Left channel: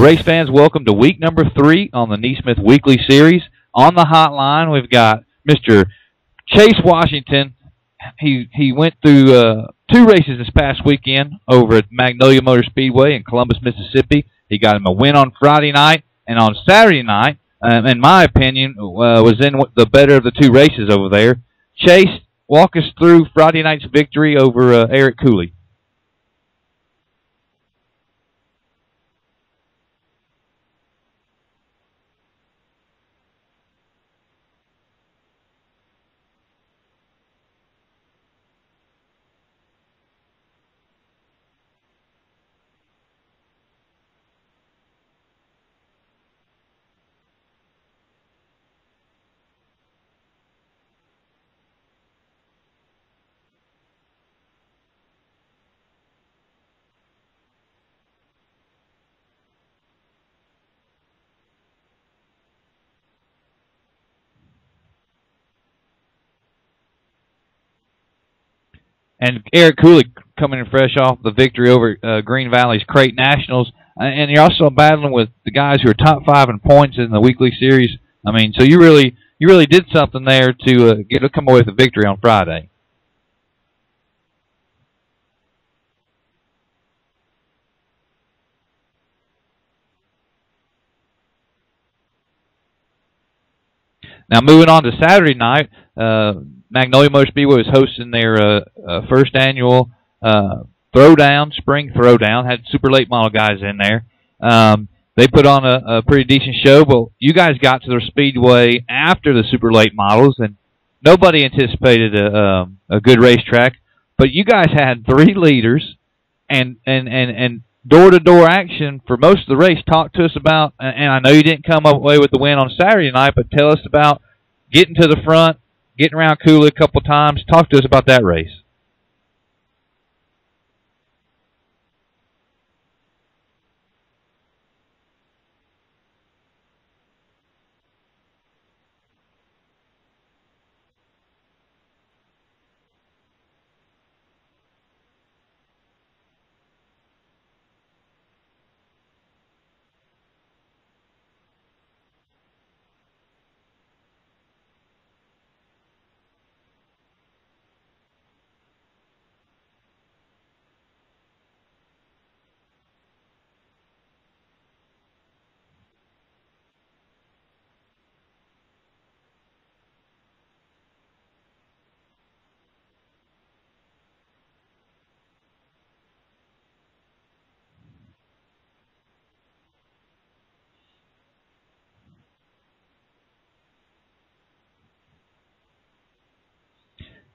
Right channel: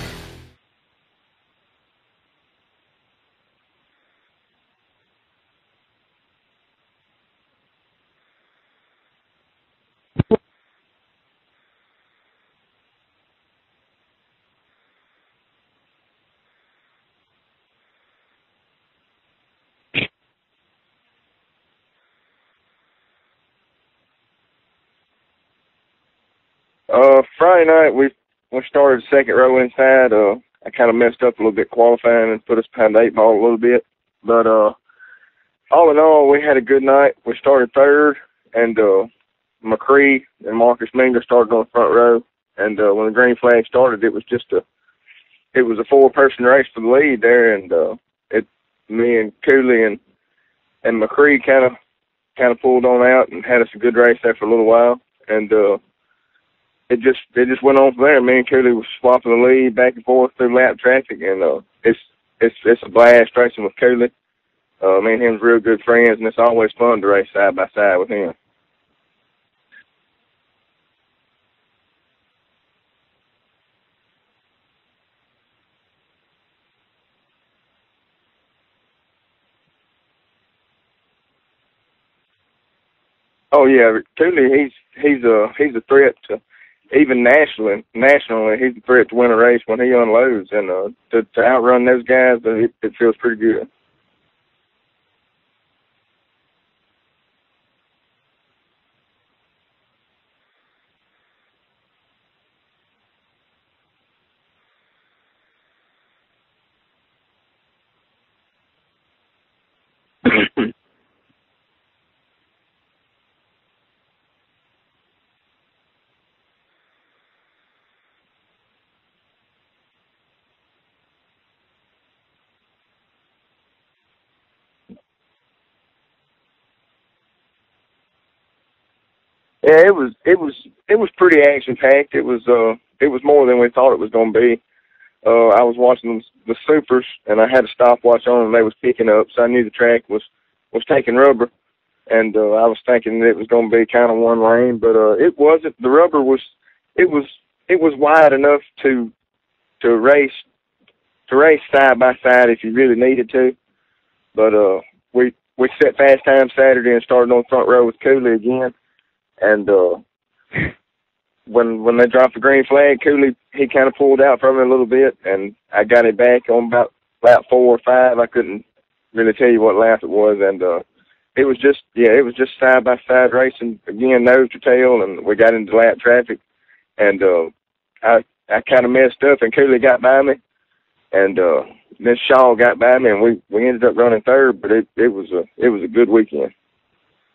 Race fans, welcome to week number 3 on the NeSmith Weekly Series. On the hotline, we've got Mr. Chase Washington. He went through 2 races this past weekend over at Magnolia Motor Speedway in Columbus, Mississippi. He got him a win on Friday night, and on Saturday night, in my opinion, was in the better of the 2 races over there. Chase, walk us through Friday night's victory over Eric Cooley. Friday night, we started second row inside. I kind of messed up a little bit qualifying and put us behind the 8 ball a little bit. But all in all, we had a good night. We started third, and McCree and Marcus Minger started on the front row. And when the green flag started, it was a 4-person race for the lead there. And me and Cooley and McCree kind of pulled on out and had us a good race there for a little while. And it just went on from there. Me and Cooley was swapping the lead back and forth through lap traffic, and it's a blast racing with Cooley. Me and him's real good friends, and it's always fun to race side by side with him. And Eric Cooley coming in fresh off the victory over Green Valley's Crate Nationals, and you're also battling with the guys who are top 5 in points in the weekly series. I mean, so you really did something there to come away with a victory on Friday. Oh yeah, Cooley, he's a threat to. Even nationally, he's a threat to win a race when he unloads, and to outrun those guys, it feels pretty good. Now, moving on to Saturday night, Magnolia Motor Speedway was hosting their first annual spring throwdown. Had super late model guys in there. They put on a pretty decent show, but you guys got to their speedway after the super late models, and nobody anticipated a good racetrack. But you guys had 3 leaders. And door-to-door action for most of the race. Talk to us about, and I know you didn't come away with the win on Saturday night, but tell us about getting to the front, getting around Cooley a couple times. Talk to us about that race. Yeah, it was pretty action-packed. It was more than we thought it was going to be. I was watching the supers, and I had a stopwatch on, and they was picking up, so I knew the track was taking rubber. And I was thinking that it was going to be kind of one lane, but it wasn't. The rubber was wide enough to race side by side if you really needed to. But we set fast time Saturday and started on the front row with Cooley again. And when they dropped the green flag, Cooley he kind of pulled out from me a little bit, and I got it back on about lap 4 or 5. I couldn't really tell you what lap it was, and it was just side-by-side racing, again, nose to tail, and we got into lap traffic. And I kind of messed up, and Cooley got by me, and then Shaw got by me, and we ended up running third, but it was a good weekend.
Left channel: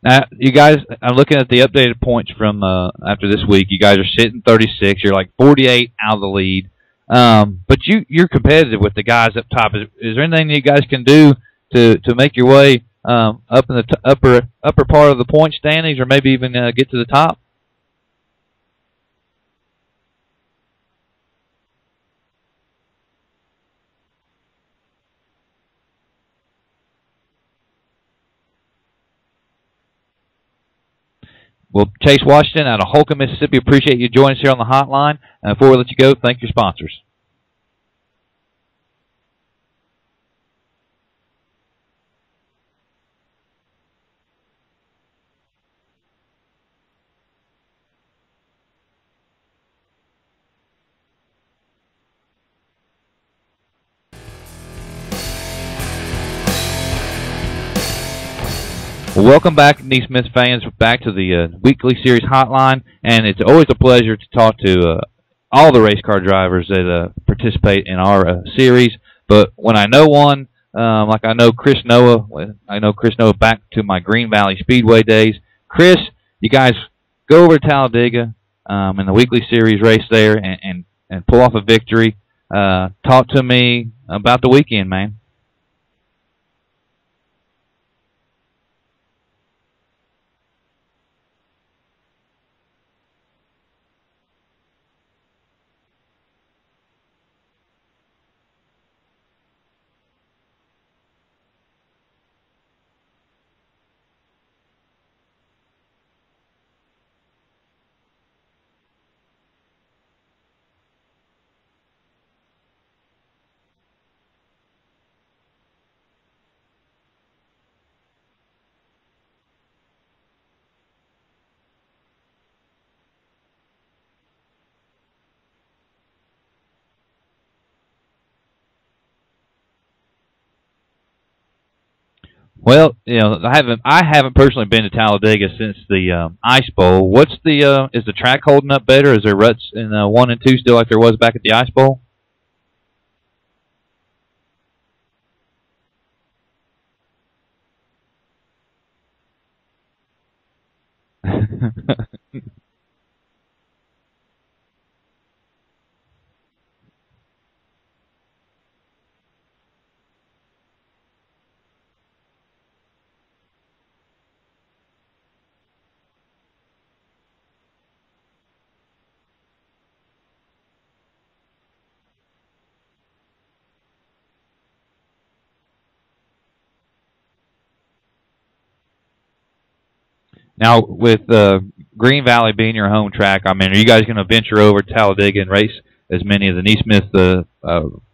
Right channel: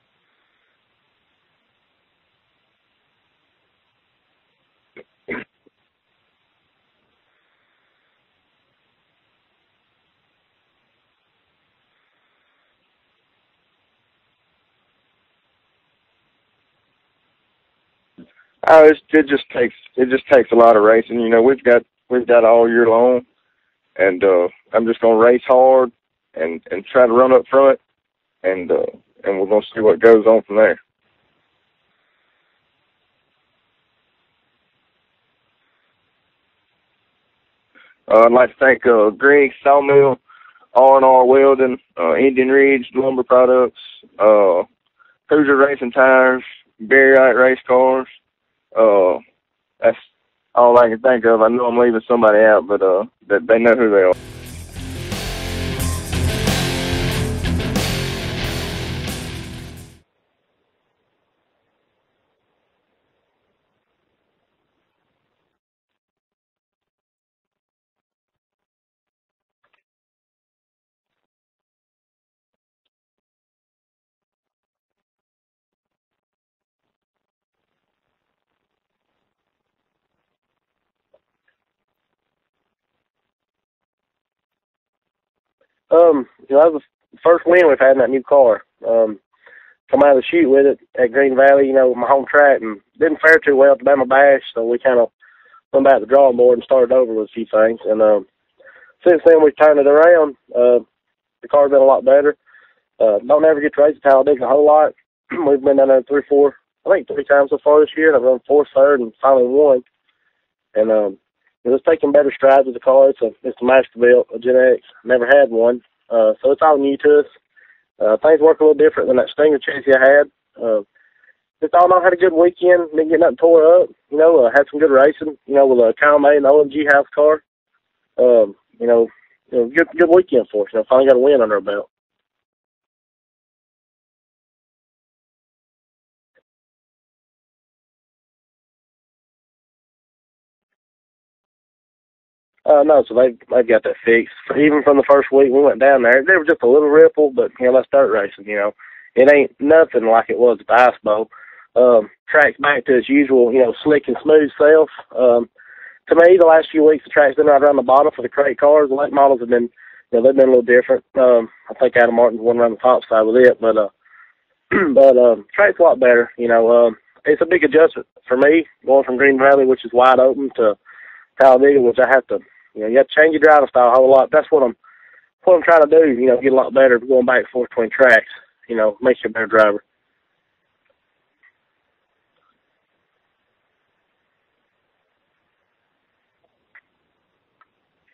Now, you guys, I'm looking at the updated points from after this week. You guys are sitting 36. You're like 48 out of the lead. But you're competitive with the guys up top. Is there anything you guys can do to make your way up in the upper part of the point standings, or maybe even get to the top? It just takes a lot of racing. You know, we've got all year long, and I'm just gonna race hard and try to run up front, and we're gonna see what goes on from there. Well, Chase Washington out of Holcomb, Mississippi, appreciate you joining us here on the hotline. Before we let you go, thank your sponsors. I'd like to thank Greg Sawmill, R&R Welding, Indian Ridge Lumber Products, Hoosier Racing Tires, Barry Wright Race Cars. That's all I can think of. I know I'm leaving somebody out, but they know who they are. Well, welcome back, NeSmith fans, back to the weekly series hotline, and it's always a pleasure to talk to all the race car drivers that participate in our series. But when I know one, like I know Chris Noah back to my Green Valley Speedway days. Chris, you guys go over to Talladega in the weekly series race there and pull off a victory. Talk to me about the weekend, man. That was the first win we've had in that new car. Come out of the chute with it at Green Valley, my home track, and didn't fare too well at the Bama Bash, so we kind of went back to the drawing board and started over with a few things. And since then, we've turned it around. The car's been a lot better. Don't ever get to race at Talladega a whole lot. We've been down there three times so far this year, and I've run fourth, third, and finally won. And it's taking better strides with the car. It's a Masterbuilt, a Gen X. Never had one, so it's all new to us. Things work a little different than that Stinger chassis I had. Just all in all, had a good weekend. Didn't get nothing tore up. Had some good racing. With a Kyle May and the OMG house car. Good weekend for us. Finally got a win under our belt. Well, I haven't personally been to Talladega since the Ice Bowl. What's is the track holding up better? Is there ruts in 1 and 2 still like there was back at the Ice Bowl? No, so they've got that fixed. Even from the first week we went down there was just a little ripple, but that's dirt racing. It ain't nothing like it was at the Ice Bowl. Track's back to its usual, slick and smooth self. To me, the last few weeks the track's been right around the bottom for the crate cars. The late models have been. They've been a little different. I think Adam Martin's one around the top side with it, but track's a lot better. It's a big adjustment for me going from Green Valley, which is wide open, to Talladega, which I have to. You have to change your driving style a whole lot. That's what I'm trying to do. Get a lot better going back and forth between tracks. Makes you a better driver. Now, with Green Valley being your home track, are you guys going to venture over to Talladega and race as many of the NeSmith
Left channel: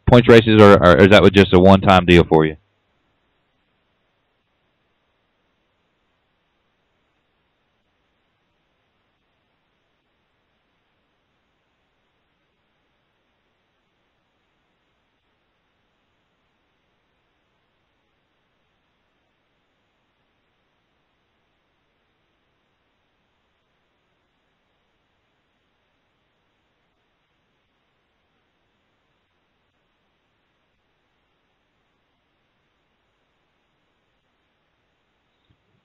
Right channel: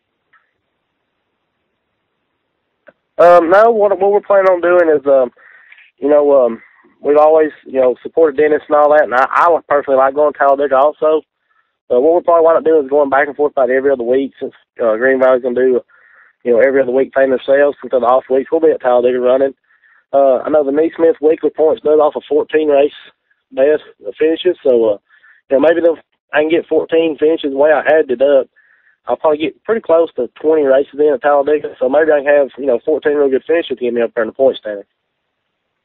points races, or is that just a one-time deal for you? No, what we're planning on doing is, we've always, supported Dennis and all that, and I personally like going to Talladega also. What we're probably want to do is going back and forth about every other week, since Green Valley's going to do, every other week thing themselves until the off weeks. We'll be at Talladega running. I know the NeSmith weekly points does off of 14 race best finishes, so maybe I can get 14 finishes the way I added it up. I'll probably get pretty close to 20 races in at Talladega, so maybe I can have 14 real good finishes to get me up there in the point standing.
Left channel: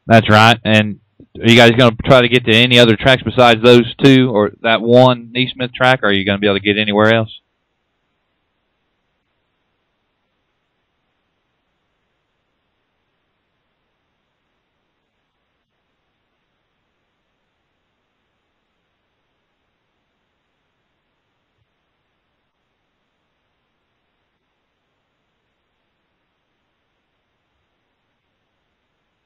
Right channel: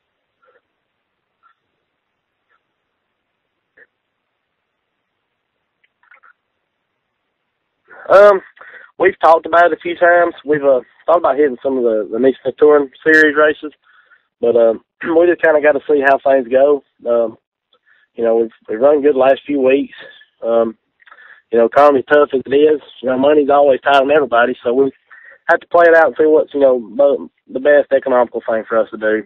That's right. And are you guys going to try to get to any other tracks besides those two, or that one NeSmith track, or are you going to be able to get anywhere else? We've talked about it a few times. We've thought about hitting some of the NeSmith Touring Series races, but we just kind of got to see how things go. We've run good the last few weeks. Economy's tough as it is. Money's always tight on everybody, so we have to play it out and see what's, the best economical thing for us to do,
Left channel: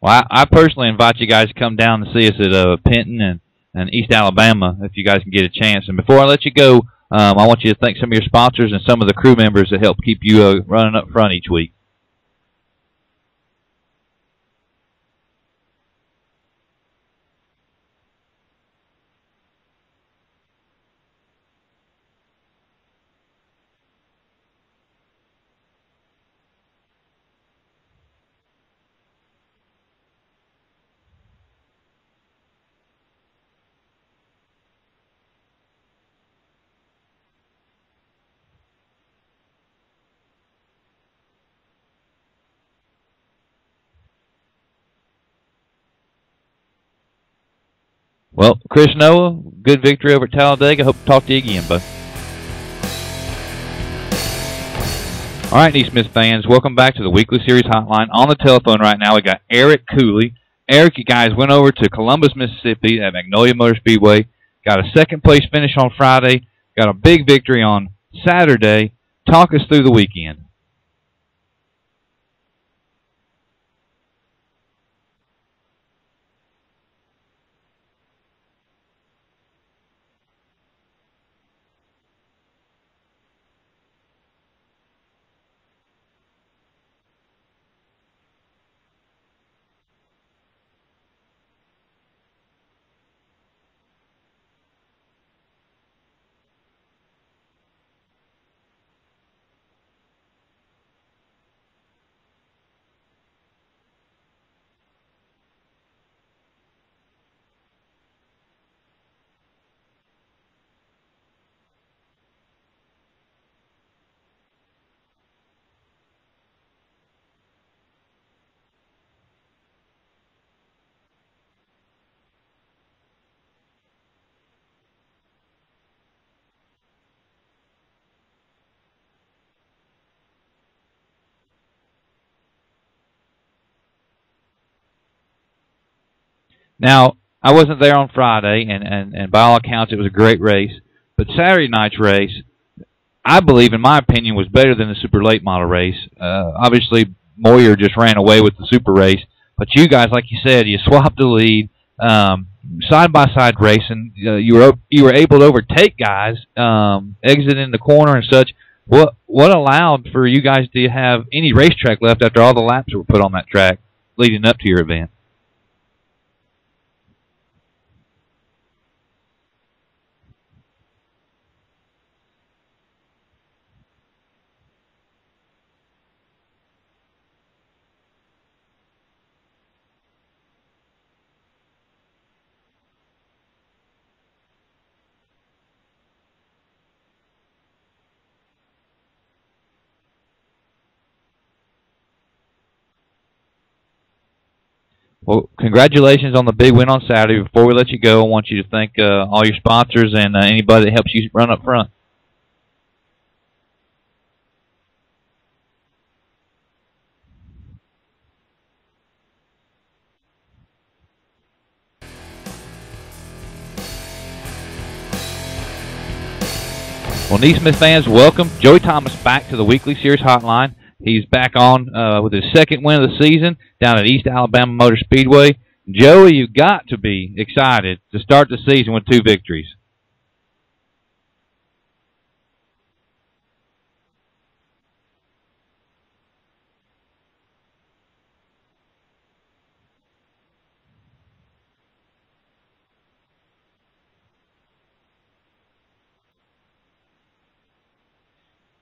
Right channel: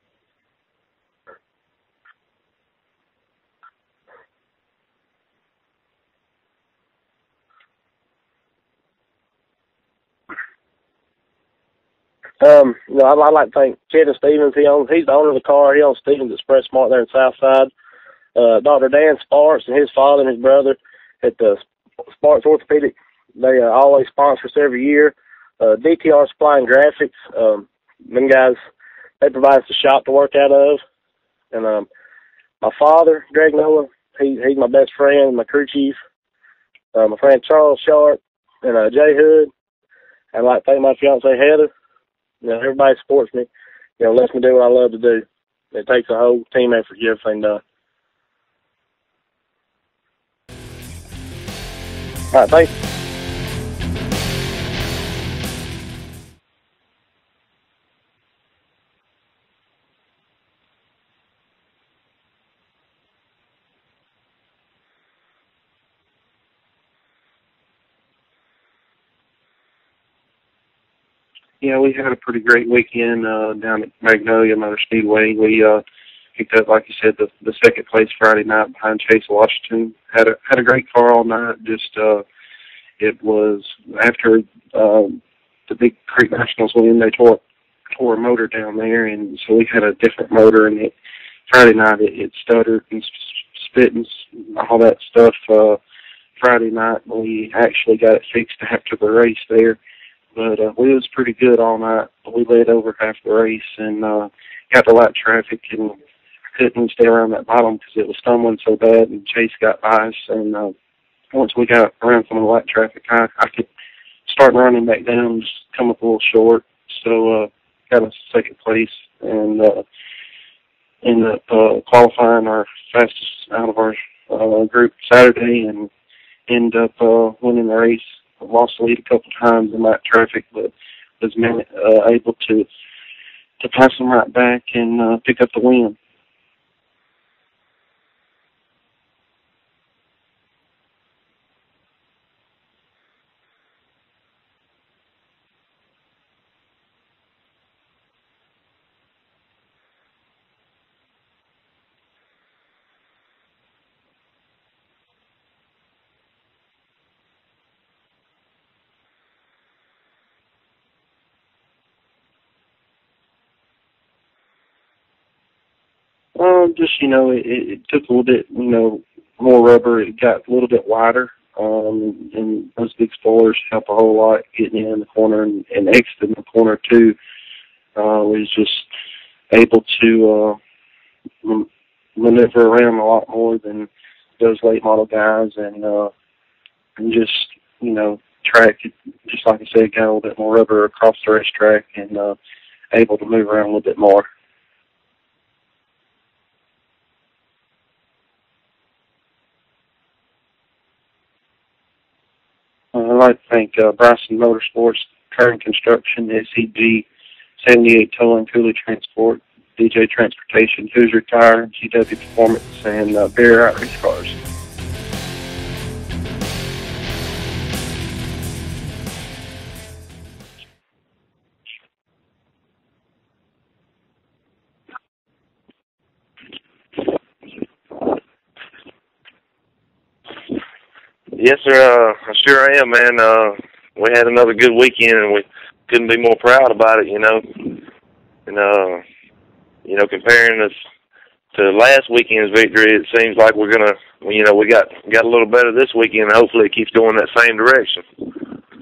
Well, I personally invite you guys to come down and see us at Penton and East Alabama if you guys can get a chance. And before I let you go, I want you to thank some of your sponsors and some of the crew members that help keep you running up front each week. I'd like to thank Kevin Stevens. He's the owner of the car. He owns Stevens Express Smart there in Southside. Dr. Dan Sparks and his father and his brother at the Sparks Orthopedic. They always sponsor us every year. DTR Supply and Graphics. Them guys, they provide us a shop to work out of. And my father, Greg Noah, he's my best friend, my crew chief. My friend Charles Sharp and Jay Hood. I'd like to thank my fiance Heather. Everybody supports me. Lets me do what I love to do. It takes a whole team effort to get everything done. Well, Chris Noah, good victory over at Talladega. Hope to talk to you again, bud. All right, thanks. All right, NeSmith fans, welcome back to the Weekly Series Hotline. On the telephone right now, we got Eric Cooley. Eric, you guys went over to Columbus, Mississippi at Magnolia Motor Speedway. Got a second-place finish on Friday. Got a big victory on Saturday. Talk us through the weekend. Yeah, we had a pretty great weekend down at Magnolia Motor Speedway. We picked up, like you said, the second place Friday night behind Chase Washington. Had a great car all night. Just it was after the Big Creek Nationals win, they tore a motor down there, and so we had a different motor. And Friday night it stuttered and spit and all that stuff. Friday night we actually got it fixed after the race there. But we was pretty good all night. We led over half the race and got the light traffic and couldn't stay around that bottom because it was stumbling so bad, and Chase got by us. And once we got around some of the light traffic, I could start running back down, just come up a little short. So got a second place and ended up qualifying our fastest out of our group Saturday and ended up winning the race. Lost the lead a couple times in that traffic, but was able to pass them right back and pick up the win. Now, I wasn't there on Friday, and by all accounts, it was a great race. But Saturday night's race, I believe, in my opinion, was better than the super late model race. Obviously, Moyer just ran away with the super race. But you guys, like you said, you swapped the lead. side-by-side racing. You were able to overtake guys, exiting the corner and such. What allowed for you guys to have any racetrack left after all the laps were put on that track leading up to your event? Just, it took a little bit, more rubber. It got a little bit wider. And those big spoilers help a whole lot getting in the corner and exiting the corner too. Was just able to maneuver around a lot more than those late model guys, and just track, just like I said, got a little bit more rubber across the racetrack and able to move around a little bit more. Well, congratulations on the big win on Saturday. Before we let you go, I want you to thank all your sponsors and anybody that helps you run up front. I'd like to thank Bryson Motorsports, Kern Construction, SEG, 78 Towing, Cooley Transport, DJ Transportation, Hoosier Tire, GW Performance, and Bear Out Race Cars. Well, NeSmith fans, welcome Joey Thomas back to the Weekly Series Hotline. He's back on with his second win of the season down at East Alabama Motor Speedway. Joey, you've got to be excited to start the season with 2 victories. Yes, sir. I sure am, man. We had another good weekend, and we couldn't be more proud about it, And, comparing us to last weekend's victory, it seems like we're going to, we got a little better this weekend, and hopefully it keeps going that same direction.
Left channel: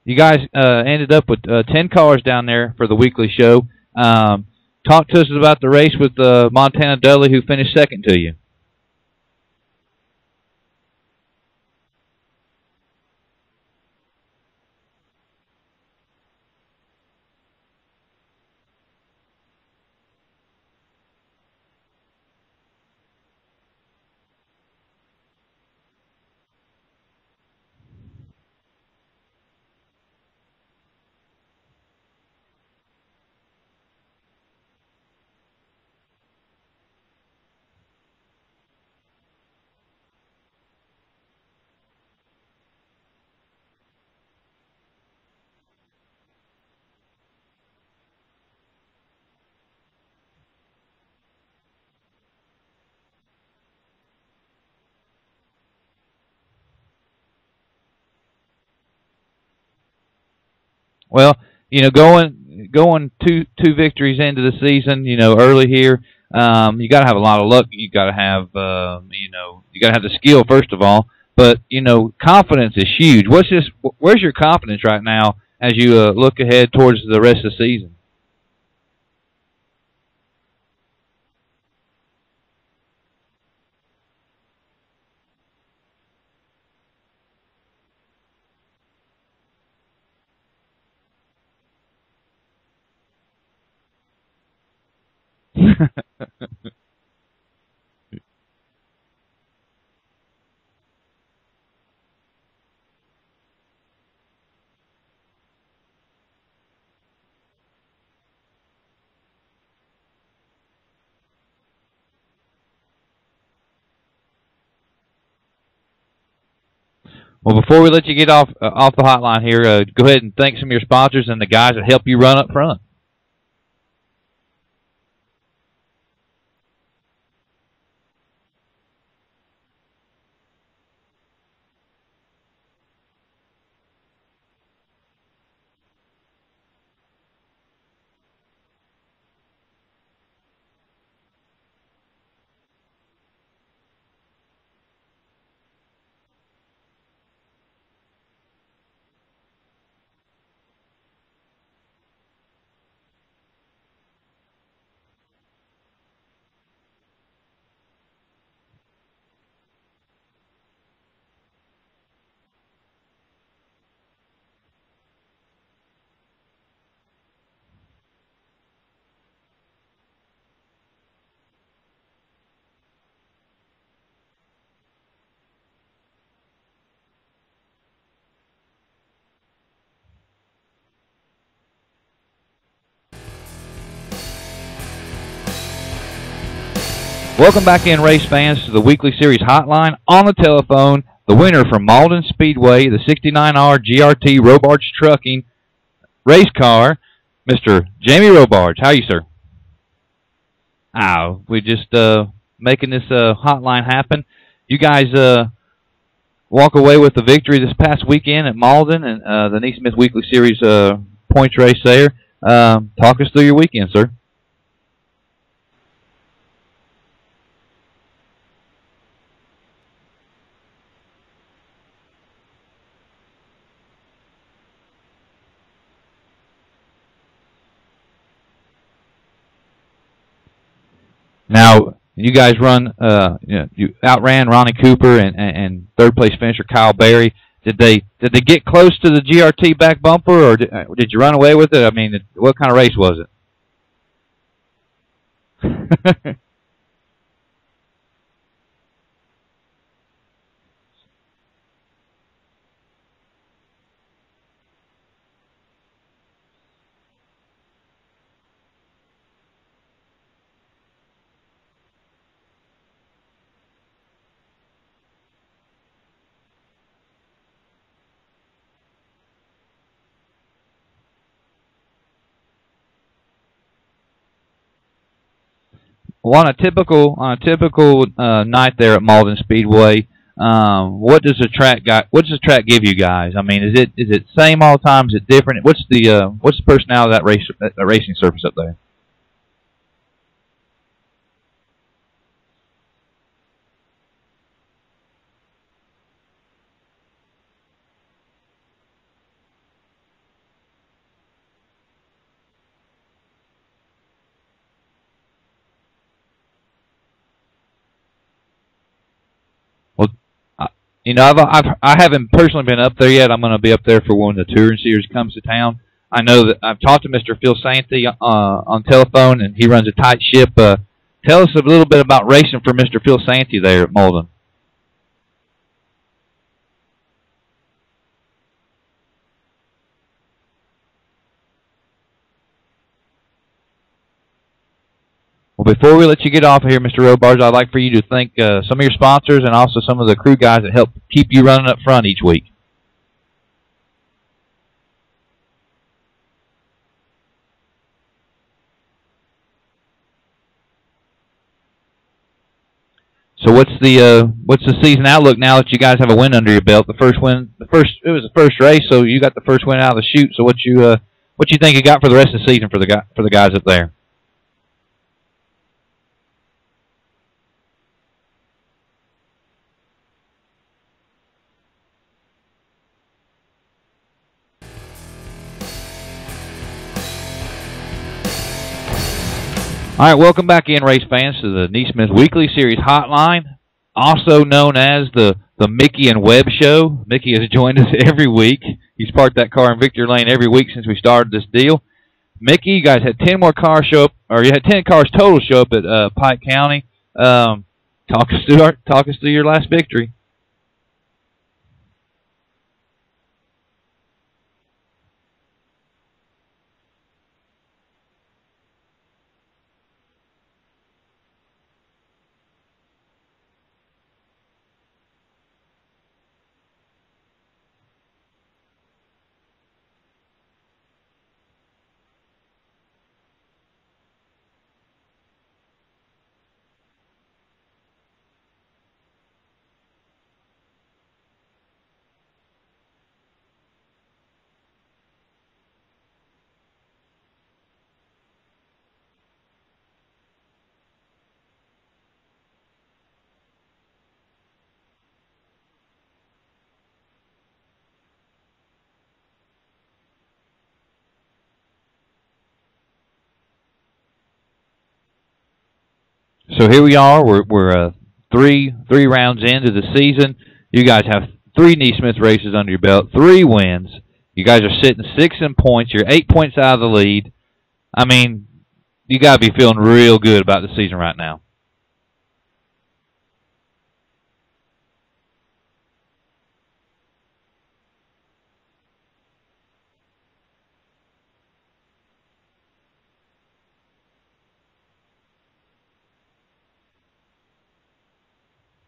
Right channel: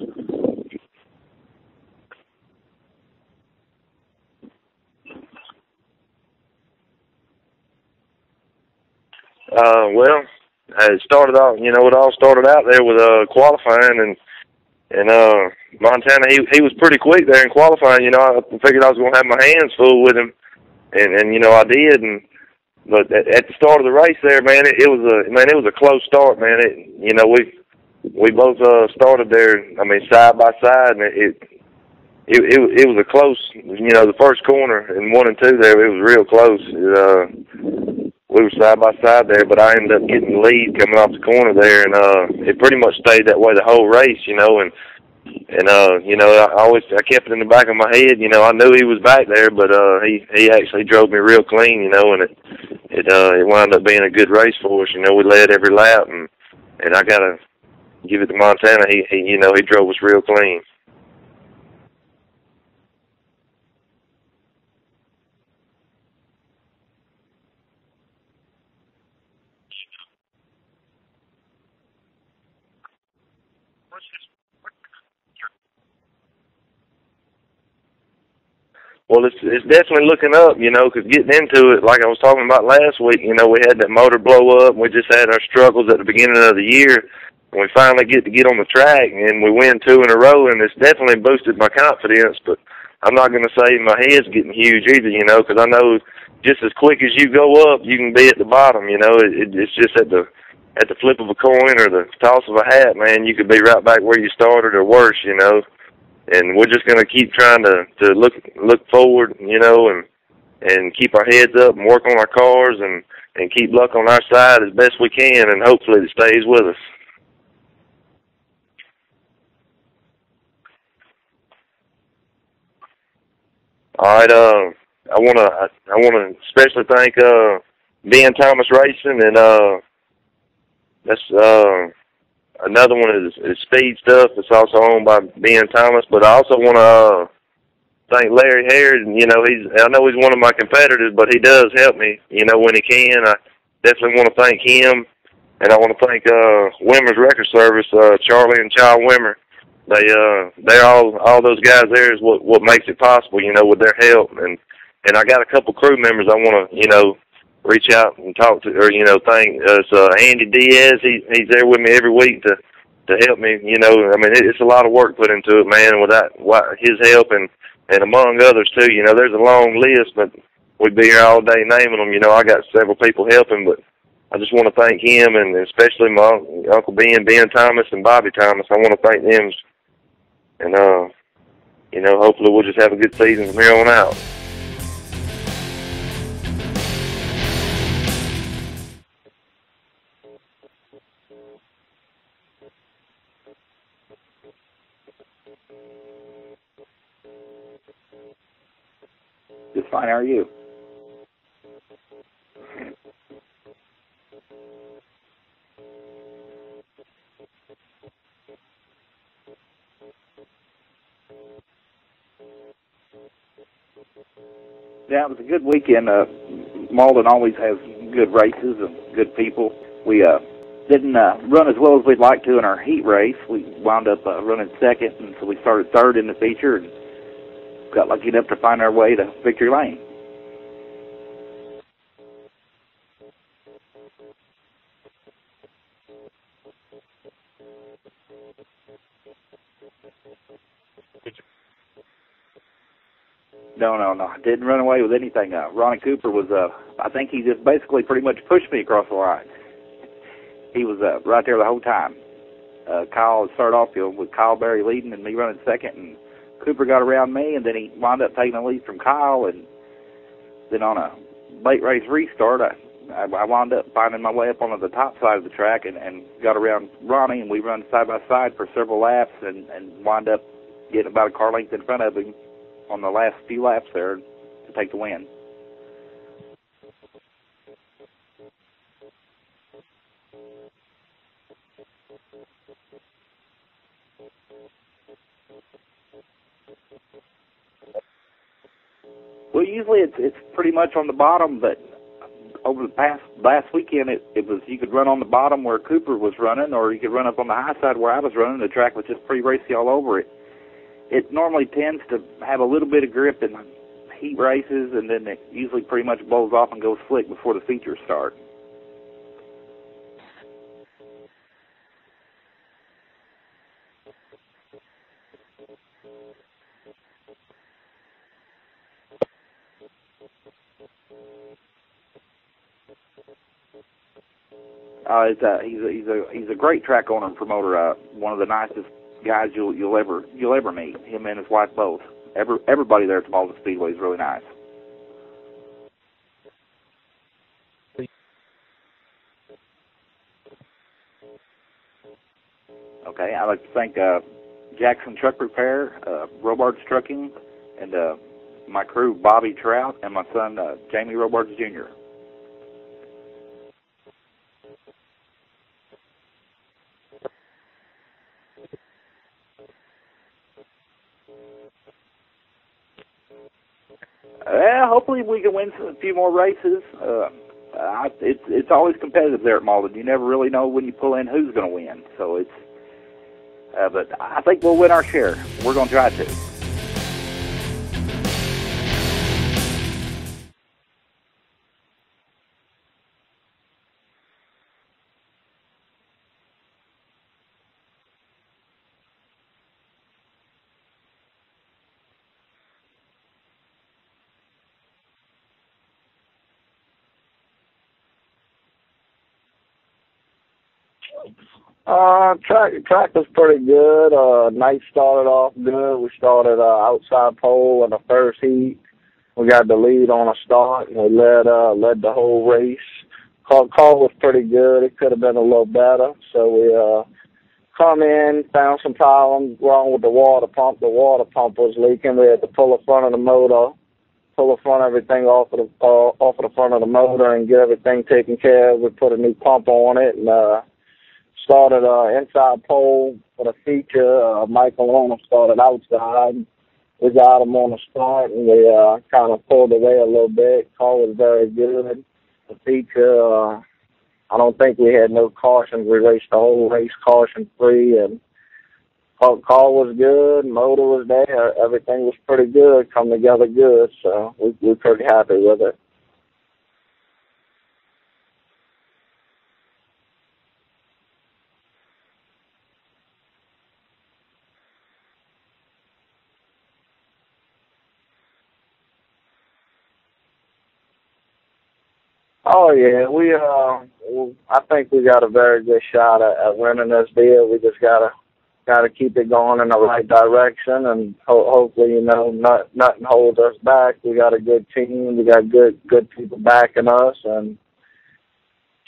You guys ended up with 10 cars down there for the weekly show. Talk to us about the race with Montana Dudley, who finished second to you. Well, it started off, it all started out there with qualifying, and Montana, he was pretty quick there in qualifying. I figured I was going to have my hands full with him, and I did. But at the start of the race there, man, it was a close start, man. We both started there, side by side, and it was a close, the first corner in 1 and 2 there, it was real close. We were side by side there, but I ended up getting the lead coming off the corner there, and it pretty much stayed that way the whole race, I kept it in the back of my head, I knew he was back there, but he actually drove me real clean, and it wound up being a good race for us. We led every lap, and I gotta give it to Montana. He drove us real clean. Well, going two victories into the season, early here, you got to have a lot of luck. You got to have, you got to have the skill first of all. But confidence is huge. Where's your confidence right now as you look ahead towards the rest of the season? Well, it's definitely looking up, because getting into it, like I was talking about last week, we had that motor blow up, and we just had our struggles at the beginning of the year. And we finally get on the track, and we win 2 in a row, and it's definitely boosted my confidence. But I'm not going to say my head's getting huge either, because I know just as quick as you go up, you can be at the bottom. It's just at the flip of a coin or the toss of a hat, man. You could be right back where you started or worse, And we're just going to keep trying to look forward, and keep our heads up and work on our cars and keep luck on our side as best we can, and hopefully it stays with us. Well, before we let you get off the hotline here, go ahead and thank some of your sponsors and the guys that help you run up front. All right, I want to especially thank Ben Thomas Racing, and that's another one is Speed Stuff. It's also owned by Ben Thomas. But I also want to thank Larry Harris. I know he's one of my competitors, but he does help me. When he can, I definitely want to thank him. And I want to thank Wimmer's Record Service, Charlie and Child Wimmer. They're all those guys there is what makes it possible, with their help. And I got a couple crew members I want to, reach out and talk to, or, thank. Andy Diaz, he's there with me every week to help me, it's a lot of work put into it, man, without his help and among others, too. There's a long list, but we'd be here all day naming them. I got several people helping, but I just want to thank him, and especially my Uncle Ben Thomas, and Bobby Thomas. I want to thank them, and, hopefully we'll just have a good season from here on out. Welcome back in, race fans, to the Weekly Series Hotline. On the telephone, the winner from Malden Speedway, the 69R GRT Robards Trucking race car, Mr. Jamie Robards. How are you, sir? Just fine. How are you? We just making this hotline happen. You guys walk away with the victory this past weekend at Malden and the NeSmith Weekly Series points race there. Talk us through your weekend, sir. Yeah, it was a good weekend. Malden always has good races and good people. We didn't run as well as we'd like to in our heat race. We wound up running second, and so we started third in the feature and got lucky enough to find our way to victory lane. Now, you guys you outran Ronnie Cooper and third place finisher Kyle Berry. Did they get close to the GRT back bumper, or did you run away with it? I mean, what kind of race was it? No. I didn't run away with anything. Ronnie Cooper was, I think he just basically pretty much pushed me across the line. He was right there the whole time. Kyle started off with Kyle Berry leading and me running second, and Cooper got around me, and then he wound up taking the lead from Kyle, and then on a late race restart, I wound up finding my way up onto the top side of the track and got around Ronnie, and we run side by side for several laps and wound up getting about a car length in front of him on the last few laps there to take the win. Well, on a typical night there at Malden Speedway, what does the track give you guys? I mean, is it same all the time? Is it different? What's the personality of that racing surface up there? Well, usually it's pretty much on the bottom, but over the last weekend it was you could run on the bottom where Cooper was running, or you could run up on the high side where I was running. The track was just pretty racy all over it. It normally tends to have a little bit of grip in heat races, and then it usually pretty much blows off and goes slick before the features start. Well, you know, I haven't personally been up there yet. I'm going to be up there for when the touring series comes to town. I know that I've talked to Mr. Phil Santee on telephone, and he runs a tight ship. Tell us a little bit about racing for Mr. Phil Santee there at Malden. He's a great track owner and promoter. One of the nicest guys you'll ever meet. Him and his wife both. Everybody there at the Malden Speedway is really nice. Well, before we let you get off of here, Mr. Robards, I'd like for you to thank some of your sponsors and also some of the crew guys that help keep you running up front each week. Okay, I'd like to thank Jackson Truck Repair, Robards Trucking, and my crew, Bobby Trout, and my son, Jamie Robards Jr. So what's the season outlook now that you guys have a win under your belt? It was the first race, so you got the first win out of the chute. So what you think you got for the rest of the season for the guys up there? Hopefully we can win a few more races. It's always competitive there at Malden. You never really know when you pull in who's going to win. So but I think we'll win our share. We're going to try to. All right, welcome back in, race fans, to the NeSmith Weekly Series Hotline, also known as the Mickey and Webb Show. Mickey has joined us every week. He's parked that car in Victory Lane every week since we started this deal. Mickey, you guys had 10 more cars show up, or you had 10 cars total show up at Pike County. Talk us through your last victory. Track was pretty good. Night started off good. We started outside pole in the first heat. We got the lead on a start, and we led the whole race. Car was pretty good. It could have been a little better. So we come in, found some problems wrong with the water pump. The water pump was leaking. We had to pull the front of the motor, pull the front of everything off of the front of the motor and get everything taken care of. We put a new pump on it and started inside pole for the feature. Michael Owner started outside. We got him on the start, and we kind of pulled away a little bit. Car was very good. The feature, I don't think we had no cautions. We raced the whole race caution-free, and car was good. Motor was there. Everything was pretty good, come together good, so we're pretty happy with it. So here we are. We're three rounds into the season. You guys have 3 NeSmith races under your belt, 3 wins. You guys are sitting 6 in points. You're 8 points out of the lead. I mean, you got to be feeling real good about the season right now. Oh yeah, I think we got a very good shot at winning this deal. We just gotta keep it going in the right direction, and hopefully, nothing holds us back. We got a good team. We got good people backing us, and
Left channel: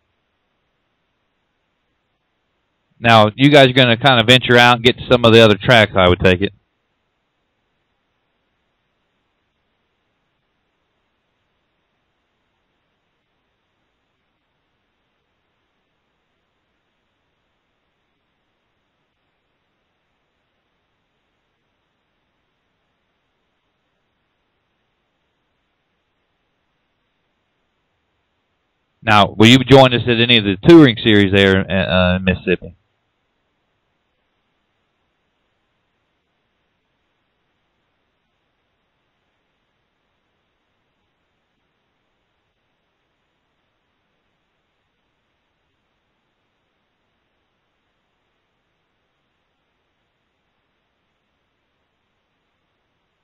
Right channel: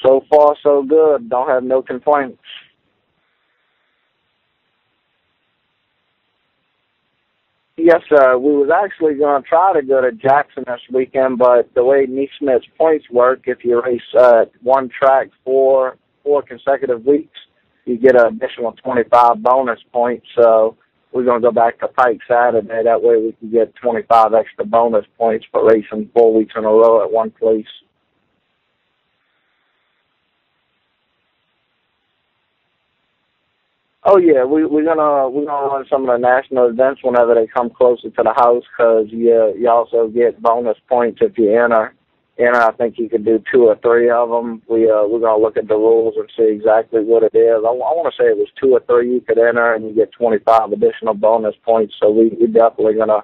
so far so good. Don't have no complaints. Now, you guys are going to kind of venture out and get to some of the other tracks, I would take it. Yes, sir. We was actually going to try to go to Jackson this weekend, but the way NeSmith's points work, if you race one track four consecutive weeks, you get an additional 25 bonus points. So we're going to go back to Pike Saturday. That way we can get 25 extra bonus points for racing 4 weeks in a row at one place. Now, will you join us at any of the touring series there in Mississippi? Oh yeah, we're gonna run some of the national events whenever they come closer to the house, because you also get bonus points if you enter. I think you could do 2 or 3 of them. We're gonna look at the rules and see exactly what it is. I want to say it was 2 or 3 you could enter, and you get 25 additional bonus points. So we definitely gonna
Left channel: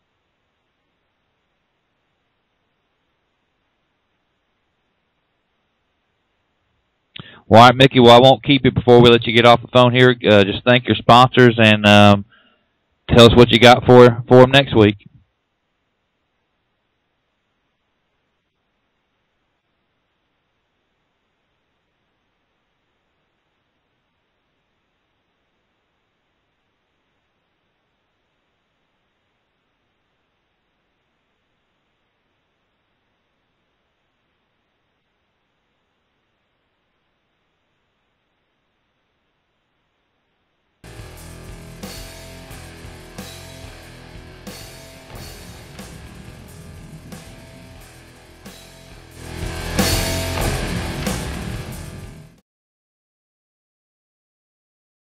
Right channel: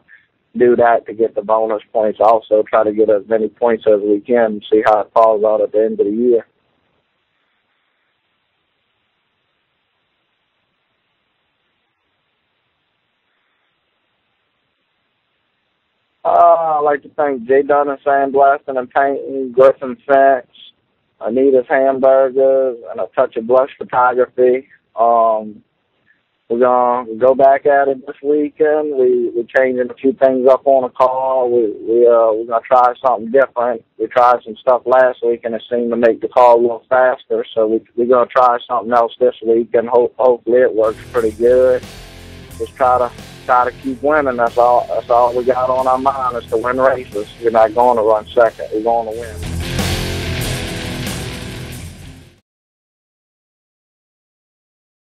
do that to get the bonus points. Also try to get as many points as we can and see how it falls out at the end of the year. Well, all right, Mickey, well, I won't keep you before we let you get off the phone here. Just thank your sponsors and tell us what you got for them next week. I'd like to thank J. Dunn and Sandblasting and Painting, Griffin Fence, Anita's Hamburgers, and A Touch of Blush Photography. We're going to go back at it this weekend. We're changing a few things up on the car. We're going to try something different. We tried some stuff last week, and it seemed to make the car a little faster. So we're going to try something else this week, and hopefully it works pretty good. Just try to keep winning. That's all we got on our mind is to win races. We're not going to run second. We're going to win.